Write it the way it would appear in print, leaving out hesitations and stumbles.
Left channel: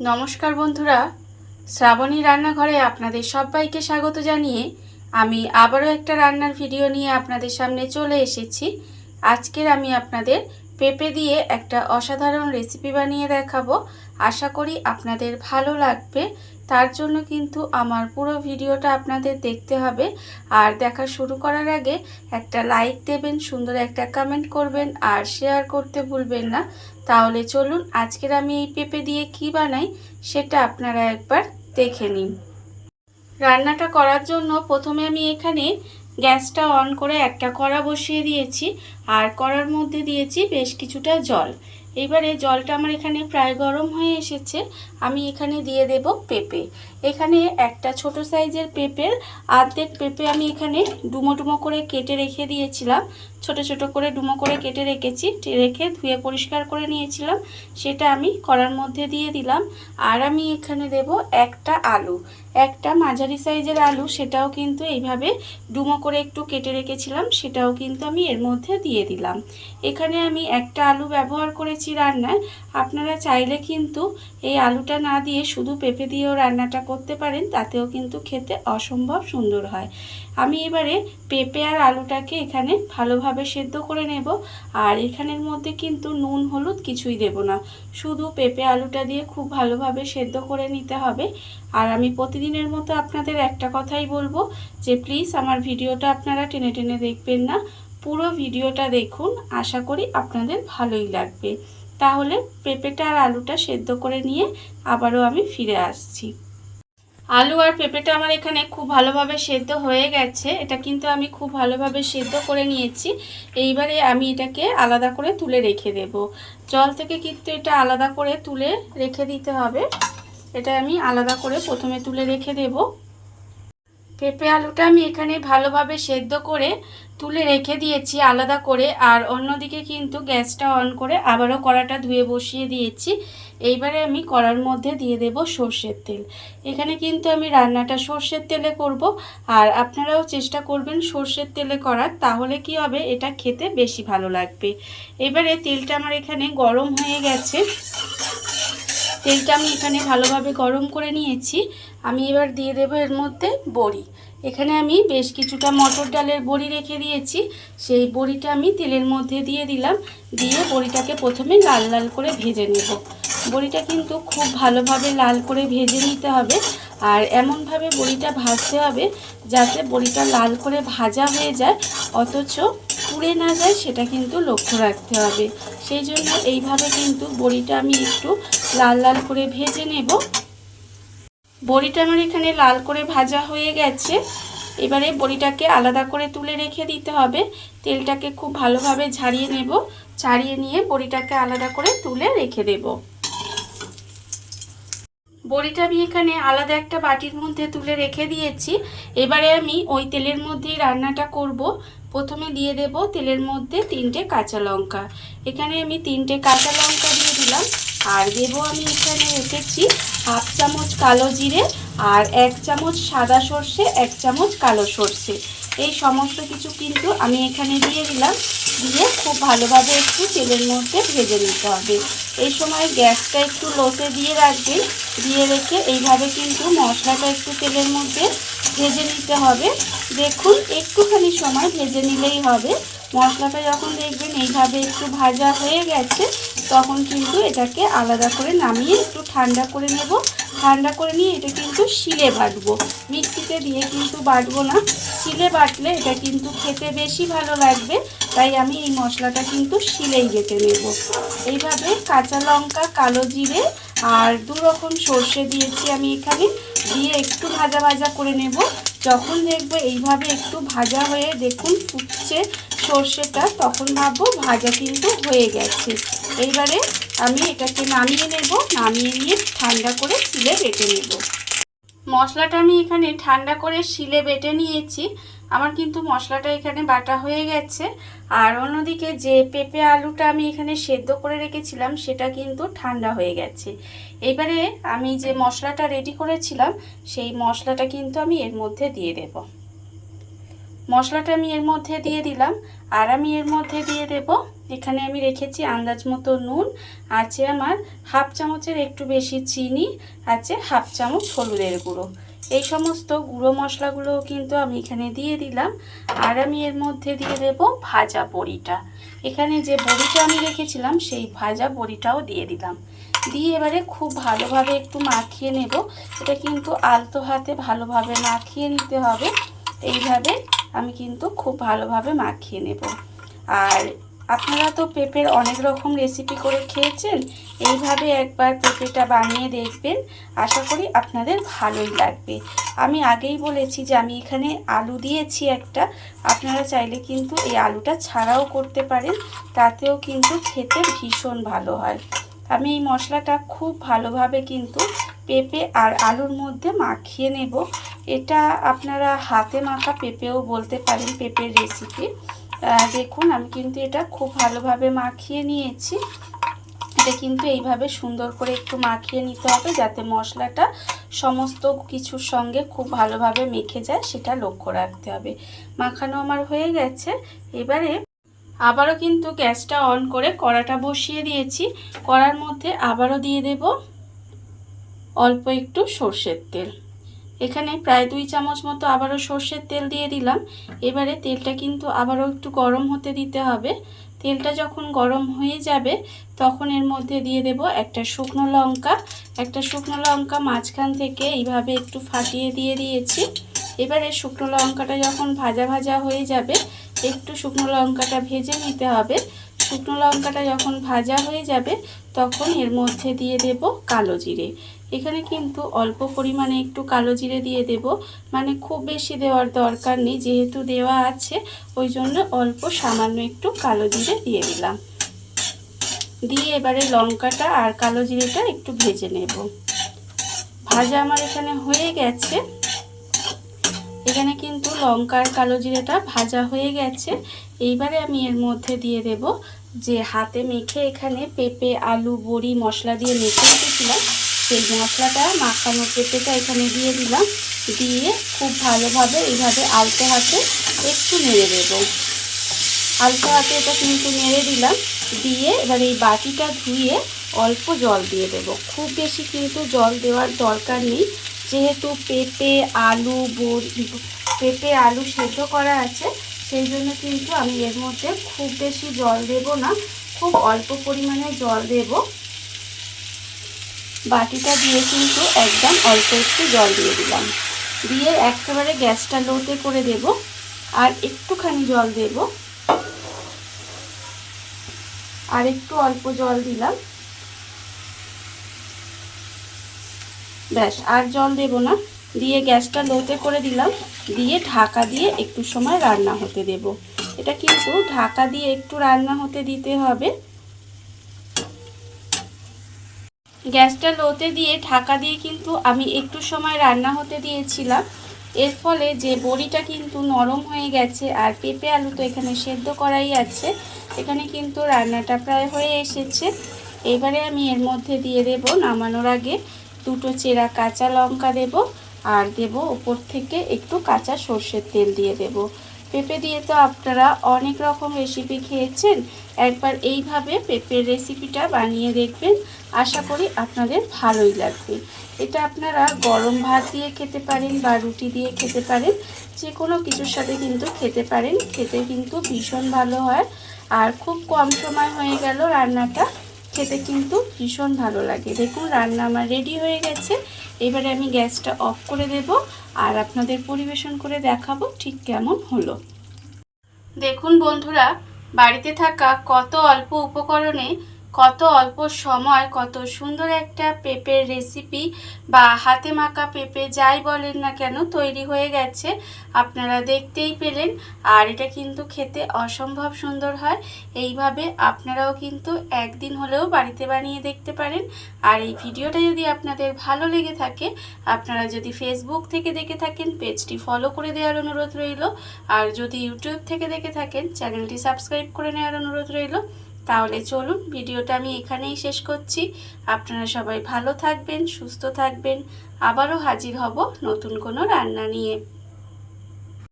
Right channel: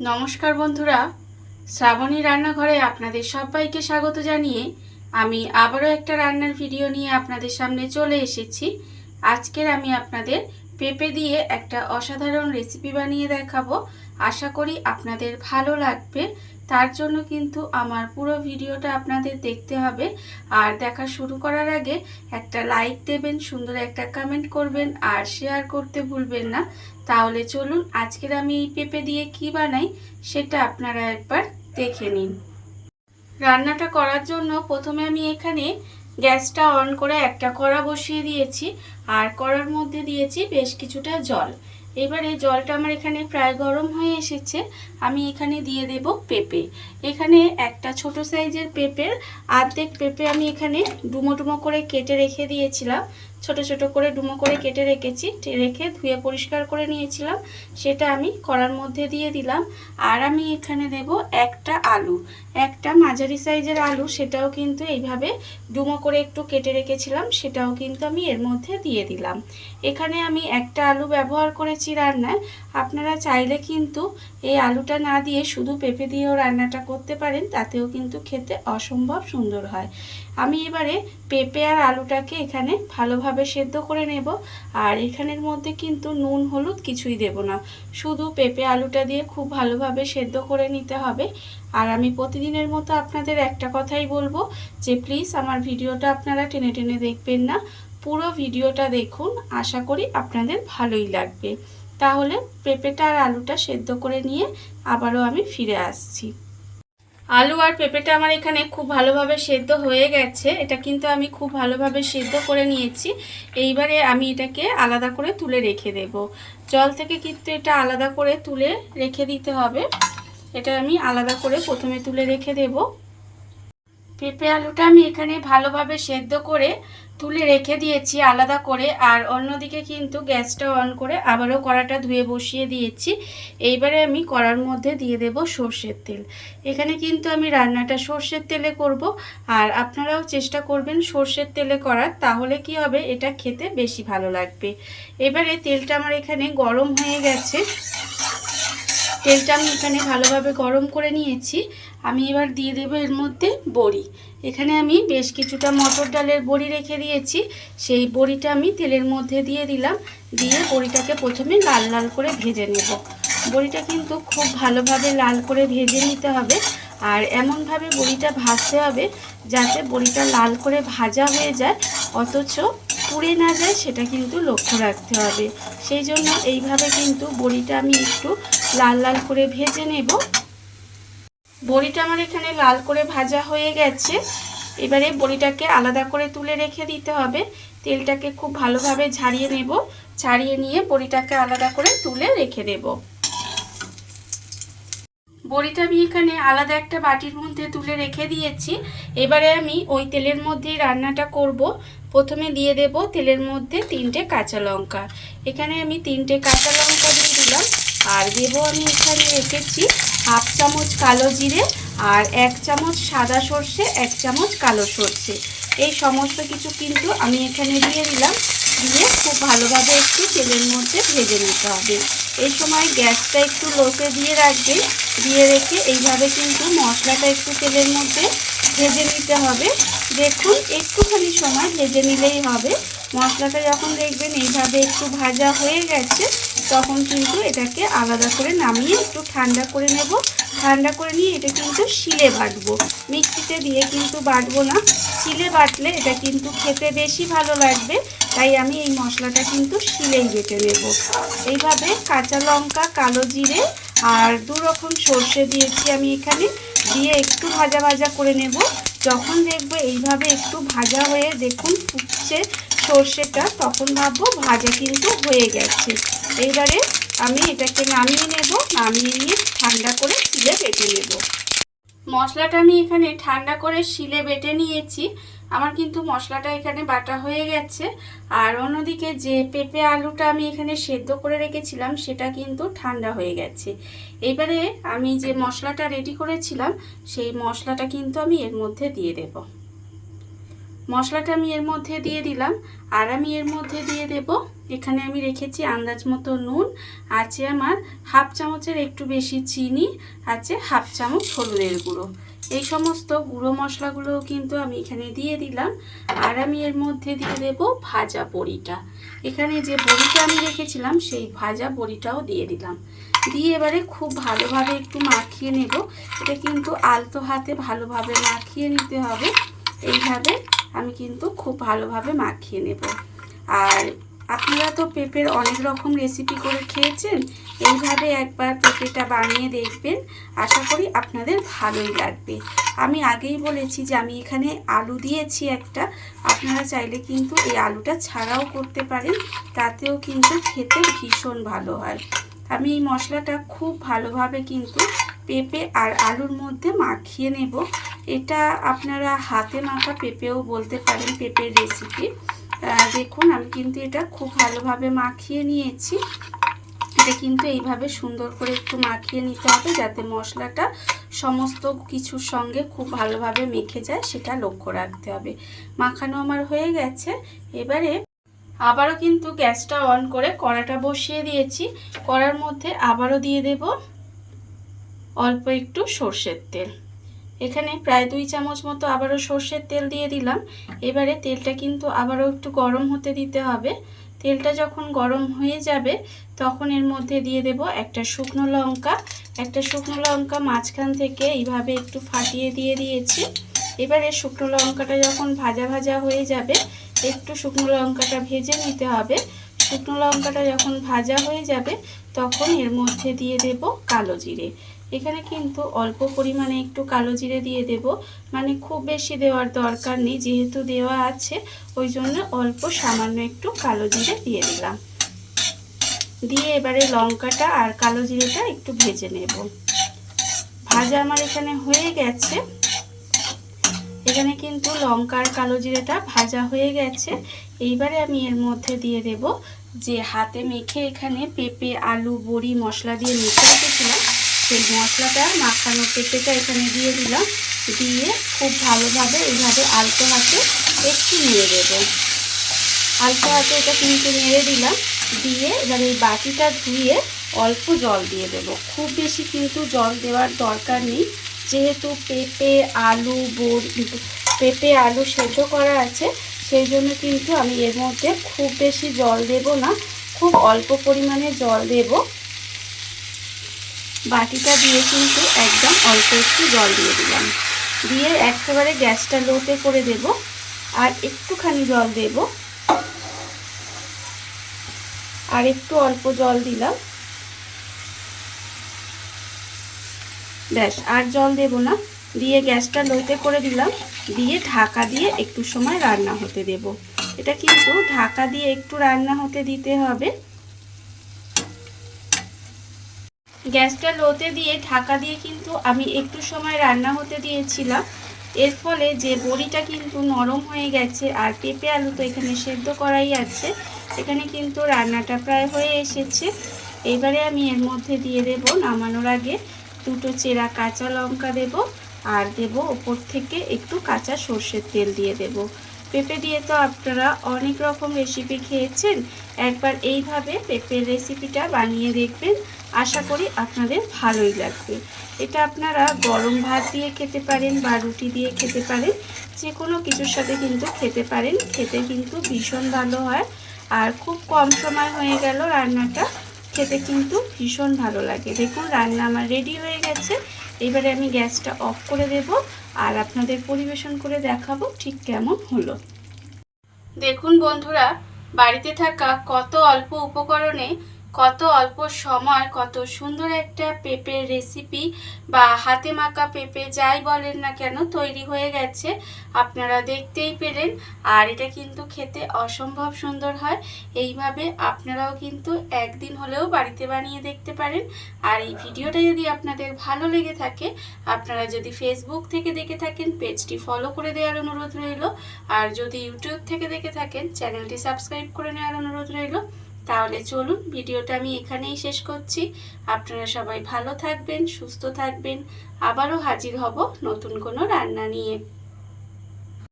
নমস্কার বন্ধুরা, শ্রাবণী রান্নাঘরে আপনাদের সবাইকে স্বাগত জানিয়ে আমি আবারও একটা রান্নার ভিডিও নিয়ে আপনাদের সামনে চলে এসেছি। আজকের আমি আপনাদের পেঁপে দিয়ে একটা অসাধারণ রেসিপি বানিয়ে দেখাবো। আশা করি আপনাদের ভালো লাগবে। তার জন্য কিন্তু আমার পুরো ভিডিওটা আপনাদের দেখতে হবে। আর দেখা শুরু করার আগে একটা লাইক দেবেন, সুন্দর একটা কমেন্ট করবেন আর শেয়ার করতে ভুলবেন না। তাহলে চলুন আজকের আমি এই পেঁপে দিয়ে কি বানাই সেটা আপনারা একবার দেখে নিন। রান্নাটা করার জন্য প্রথমে আমি এখানে গ্যাসটা অন করে একটা কড়া বসিয়ে দিয়েছি আর কড়ার মধ্যে দিয়েছি বেশ কিছুটা জল। এবারে জলটা আমার এখানে প্রায় গরম হয়ে এসেছে। আমি এখানে দিয়ে দেব পেঁপে। এখানে একটা ছোট সাইজের পেঁপের অর্ধেক পেঁপে আমি এখানে ডুমো ডুমো করে কেটে রেখে দিয়েছিলাম। ছোট ছোট করে ডুমো করে কেটে রেখেছি, রেখে ধুয়ে পরিষ্কার করে নিয়েছিলাম। সেটা আমি কড়ার মধ্যে দিয়ে দিলাম। আর আমি এখানে দেব একটা আলু, একটা মাঝারি সাইজের আলু, সেটাও কিন্তু এইভাবে ডুমো করে একটু কেটে রেখেছিলাম, সেটাও কিন্তু আমি এর মধ্যে দিয়ে দিলাম। এখানে আমি একটা আলু ব্যবহার করেছি রান্নায়। আপনারা চাইলে কিন্তু এই আলুটা না দিয়ে শুধু পেঁপে দিয়েও রান্নাটা করতে পারেন, তাতেও কিন্তু খেতে অসম্ভব সুন্দর হয়। আমি এবারে পেঁপে আর আলুটাকে এখানে ভালোভাবে সেদ্ধ করে নেব। আর এখানের মধ্যে কিন্তু নুন হলুদ কিছুই দেব না, শুধু পেঁপে আলুটা দিয়ে খুব ভালোভাবে সেদ্ধ করে নিতে হবে। আর আমি প্রতিদিনের মতো আপনাদের একটা কথাই বলবো যে প্লিজ আমার ভিডিওটা আপনারা টেনে টেনে দেখবেন না, পুরো ভিডিওটা দেখুন। আশা করি আপনাদের ভালোই লাগবে। তাহলে পেঁপেটা আর আলুটা সেদ্ধ করে নিয়ে আবারও আমি ফিরে আসছি। আলু আর পেঁপেটা আমার এখানে খুব ভালোভাবে সেদ্ধ হয়ে গেছে। এটা কিন্তু আমি খুব ভালোভাবে সেদ্ধ করে নিয়েছি। এইবারে আমি এটাকে আলাদা করে তুলে রেখে দেব। জল থেকে কিন্তু এটা আলাদা করে তুলে রেখে দিতে হবে। এটা আমি আলাদা করে প্রথমে তুলে রেখে দেব। পেঁপে আলুটা আমি এখানে ভালোভাবে সেদ্ধ করে তুলে রেখে দিয়েছি আলাদা করে। আর অন্যদিকে কিন্তু গ্যাসটা অন করে আবারও কড়াটা ধুয়ে বসিয়ে দিয়েছি। এইবারে আমি কড়ার মধ্যে দিয়ে দেব সর্ষের তেল। এখানে কিন্তু আমি রান্নাটা সর্ষের তেলে করব। আর আপনারাও চেষ্টা করবেন সর্ষের তেলে করার, তাহলে কি হবে, এটা খেতে বেশি ভালো লাগবে। এবারে তেলটা আমার এখানে গরম হয়ে গেছে। তেলটা আমি এখানে ভালোভাবে গরম করে নিয়েছি। আমি এবার দিয়ে দেব এর মধ্যে বড়ি। এখানে আমি বেশ কিছুটা মটর ডালের বড়ি রেখে দিয়েছি, সেই বড়িটা আমি তেলের মধ্যে দিয়ে দিলাম। দিয়ে বড়িটাকে প্রথমে লাল লাল করে ভেজে নেব। বড়িটা কিন্তু খুব ভালোভাবে লাল করে ভেজে নিতে হবে। আর এমনভাবে বড়িটা ভাজতে হবে যাতে বড়িটা লাল করে ভাজা হয়ে যায়, অথচ পুড়ে না যায়, সেটা কিন্তু লক্ষ্য রাখতে হবে। সেই জন্য এইভাবে কিন্তু বড়িটা আমি একটু লাল লাল করে ভেজে নেব। বড়িটা আমার এখানে লাল করে ভাজা হয়ে গেছে। এবারে বড়িটাকে আলাদা করে তুলে রেখে দিতে হবে। তেলটাকে খুব ভালোভাবে ঝারিয়ে নেব। ছাড়িয়ে নিয়ে বড়িটাকে আলাদা করে তুলে রেখে দেব। বড়িটা আমি এখানে আলাদা একটা বাটির মধ্যে তুলে রেখে দিয়েছি। এবারে আমি ওই তেলের মধ্যেই রান্নাটা করব। প্রথমে দিয়ে দেব তেলের মধ্যে 3টে কাঁচা লঙ্কা। এখানে আমি 3টে কাঁচা লঙ্কা দিয়ে দিলাম। আর দেব আমি এখানে রেখেছি হাফ চামচ কালো জিরে আর 1 চামচ সাদা সর্ষে, 1 চামচ কালো সর্ষে। এই সমস্ত কিছু কিন্তু আমি এখানে দিয়ে দিলাম। দিয়ে খুব ভালোভাবে একটু তেলের মধ্যে ভেজে নিতে হবে। এই সময় গ্যাসটা একটু লোতে দিয়ে রাখবেন। দিয়ে রেখে এইভাবে কিন্তু মশলাটা একটু তেলের মধ্যে ভেজে নিতে হবে। দেখুন একটুখানি সময় ভেজে নিলেই হবে। মশলাটা যখন দেখবেন এইভাবে একটু ভাজা হয়ে গেছে, তখন কিন্তু এটাকে আলাদা করে নামিয়ে একটু ঠান্ডা করে নেব। ঠান্ডা করে নিয়ে এটা কিন্তু শিলে বাটবো, মিক্সিতে দিয়ে কিন্তু বাটবো না। শিলে বাটলে এটা কিন্তু খেতে বেশি ভালো লাগবে, তাই আমি এই মশলাটা কিন্তু শিলেই বেটে নেব। এইভাবে কাঁচা লঙ্কা, কালো জিরে আর 2 রকম সর্ষে দিয়েছি আমি এখানে, দিয়ে একটু ভাজা ভাজা করে নেব। যখন দেখবো এইভাবে একটু ভাজা হয়ে দেখুন ফুটছে সর্ষেটা, তখন ভাববো ভাজা কিন্তু হয়ে গেছে। এইবারে আমি এটাকে নামিয়ে নেব। নামিয়ে নিয়ে ঠান্ডা করে শিলে বেটে নেব। মশলাটা আমি এখানে ঠান্ডা করে শিলে বেটে নিয়েছি। আমার কিন্তু মশলাটা এখানে বাটা হয়ে গেছে। আর অন্যদিকে যে পেঁপে আলুটা আমি এখানে সেদ্ধ করে রেখেছিলাম, সেটা কিন্তু ঠান্ডা হয়ে গেছে। এইবারে আমি যে মশলাটা রেডি করেছিলাম, সেই মশলাটা কিন্তু আমি এর মধ্যে দিয়ে দেব। মশলাটা আমি এর মধ্যে দিয়ে দিলাম। আর আমি এর মধ্যে দিয়ে দেব এখানে আমি রেখেছি আন্দাজ মতো নুন, আছে আমার হাফ চামচের একটু বেশি চিনি, আছে হাফ চামচ হলুদের গুঁড়ো। এই সমস্ত গুঁড়ো মশলাগুলোও কিন্তু আমি এখানে দিয়ে দিলাম। আর আমি এর মধ্যে দিয়ে দেব ভাজা বড়িটা। এখানে যে বড়িটা আমি রেখেছিলাম সেই ভাজা বড়িটাও দিয়ে দিলাম। দিয়ে এবারে খুব ভালোভাবে একটু মাখিয়ে নেব। এটা কিন্তু আলতো হাতে ভালোভাবে মাখিয়ে নিতে হবে। এইভাবে আমি কিন্তু খুব ভালোভাবে মাখিয়ে নেব। আর আপনারা তো পেঁপের অনেক রকম রেসিপি করে খেয়েছেন, এইভাবে একবার পেঁপেটা বানিয়ে দেখবেন, আশা করি আপনাদের ভালোই লাগবে। আমি আগেই বলেছি যে আমি এখানে আলু দিয়েছি একটা, আপনারা চাইলে কিন্তু এই আলুটা ছাড়াও করতে পারেন, তাতেও কিন্তু খেতে ভীষণ ভালো হয়। আমি এই মশলাটা খুব ভালোভাবে কিন্তু পেঁপে আর আলুর মধ্যে মাখিয়ে নেব। এটা আপনারা হাতে মাখা পেঁপেও বলতে পারেন, পেঁপের রেসিপি। দেখুন আমি কিন্তু এটা খুব ভালোভাবে মাখিয়ে নিয়েছি। এটা কিন্তু এইভাবে সুন্দর করে একটু মাখিয়ে নিতে হবে, যাতে মশলাটা সমস্ত কিছুর সঙ্গে খুব ভালোভাবে মেখে যায়, সেটা লক্ষ্য রাখতে হবে। মাখানো আমার হয়ে গেছে। এবারে আবারও কিন্তু গ্যাসটা অন করে কড়াটা বসিয়ে দিয়েছি। কড়ার মধ্যে আবারও দিয়ে দেব অল্প একটু সর্ষের তেল। এখানে প্রায় 2 চামচ মতো আবারও সর্ষের তেল দিয়ে দিলাম। এবারে তেলটা কিন্তু আবারও একটু গরম হতে দিতে হবে। তেলটা যখন গরম হয়ে যাবে তখন এর মধ্যে দিয়ে দেব একটা শুকনো লঙ্কা। একটা শুকনো লঙ্কা মাঝখান থেকে এইভাবে একটু ফাটিয়ে দিয়ে দিয়েছি। এবারে শুকনো লঙ্কাটা যখন ভাজা ভাজা হয়ে যাবে, একটু শুকনো লঙ্কাটা ভেজে নিতে হবে। শুকনো লঙ্কাটা যখন ভাজা হয়ে যাবে তখন এর মধ্যে দিয়ে দেব কালো জিরে। এখানে কিন্তু অল্প পরিমাণে একটু কালো জিরে দিয়ে দেব, মানে খুব বেশি দেওয়ার দরকার নেই, যেহেতু দেওয়া আছে ওই জন্য অল্প সামান্য একটু কালো জিরে দিয়ে দিলাম। দিয়ে এবারে লঙ্কাটা আর কালো জিরেটা একটু ভেজে নেব। ভাজা আমার এখানে হয়ে গেছে। এখানে কিন্তু লঙ্কা আর কালো জিরেটা ভাজা হয়ে গেছে। এইবারে আমি এর মধ্যে দিয়ে দেব যে হাতে মেখে এখানে পেঁপে আলু বড়ি মশলা দিয়ে মেখে রেখেছিলাম, সেই মশলাটা মাখানো পেঁপেটা এখানে দিয়ে দিলাম। দিয়ে খুব ভালোভাবে এইভাবে আলতো হাতে একটু নেড়ে দেব। আলতো হাতে এটা কিন্তু নেড়ে দিলাম। দিয়ে এবার এই বাটিটা ধুয়ে অল্প জল দিয়ে দেব। খুব বেশি কিন্তু জল দেওয়ার দরকার নেই, যেহেতু পেঁপে আলু সেদ্ধ করা আছে, সেই জন্য কিন্তু আমি এর মধ্যে খুব বেশি জল দেব না, খুব অল্প পরিমাণে জল দেব। বাটিটা দিয়ে কিন্তু একদম অল্প একটু জল দিয়ে দিলাম। দিয়ে একেবারে গ্যাসটা লোতে করে দেব। আর একটুখানি জল দেব, আর একটু অল্প জল দিলাম, ব্যাস আর জল দেব না। দিয়ে গ্যাসটা লোতে করে দিলাম। দিয়ে ঢাকা দিয়ে একটু সময় রান্না হতে দেব। এটা কিন্তু ঢাকা দিয়ে একটু রান্না হতে দিতে হবে। গ্যাসটা লোতে দিয়ে ঢাকা দিয়ে কিন্তু আমি একটু সময় রান্না হতে দিয়েছিলাম। এর ফলে যে বড়িটা কিন্তু নরম হয়ে গেছে, আর পেঁপে আলু তো এখানে সেদ্ধ করাই আছে। এখানে কিন্তু রান্নাটা প্রায় হয়ে এসেছে। এবারে আমি এর মধ্যে দিয়ে দেব নামানোর আগে 2টো চেরা কাঁচা লঙ্কা দেব, আর দেব ওপর থেকে একটু কাঁচা সর্ষের তেল দিয়ে দেব। পেঁপে দিয়ে তো আপনারা অনেক রকম রেসিপি খেয়েছেন, একবার এইভাবে পেঁপের রেসিপিটা বানিয়ে দেখবেন, আশা করি আপনাদের ভালোই লাগবে। এটা আপনারা গরম ভাত দিয়ে খেতে পারেন বা রুটি দিয়ে খেতে পারেন, যে কোনো কিছুর সাথে কিন্তু খেতে পারেন। খেতে কিন্তু ভীষণ ভালো হয়, আর খুব কম সময় হয়ে গেল রান্নাটা, খেতে কিন্তু ভীষণ ভালো লাগে। দেখুন রান্না আমার রেডি হয়ে গেছে। এবারে আমি গ্যাসটা অফ করে দেব, আর আপনাদের পরিবেশন করে দেখাবো ঠিক কেমন হলো। দেখুন বন্ধুরা, বাড়িতে থাকা কত অল্প উপকরণে কত অল্প সময় কত সুন্দর একটা পেঁপের রেসিপি বা হাতে মাখা পেঁপে যাই বলেন না কেন তৈরি হয়ে গেছে, আপনারা দেখতেই পেলেন। আর এটা কিন্তু খেতে অসম্ভব সুন্দর হয়। এইভাবে আপনারাও কিন্তু একদিন হলেও বাড়িতে বানিয়ে দেখতে পারেন। আর এই ভিডিওটা যদি আপনাদের ভালো লেগে থাকে, আপনারা যদি ফেসবুক থেকে দেখে থাকেন পেজটি ফলো করে দেওয়ার অনুরোধ রইল, আর যদি ইউটিউব থেকে দেখে থাকেন চ্যানেলটি সাবস্ক্রাইব করে নেওয়ার অনুরোধ রইল। তাহলে চলুন ভিডিওটা আমি এখানেই শেষ করছি। আপনারা সবাই ভালো থাকবেন, সুস্থ থাকবেন। আবারও হাজির হব নতুন কোনো রান্না নিয়ে।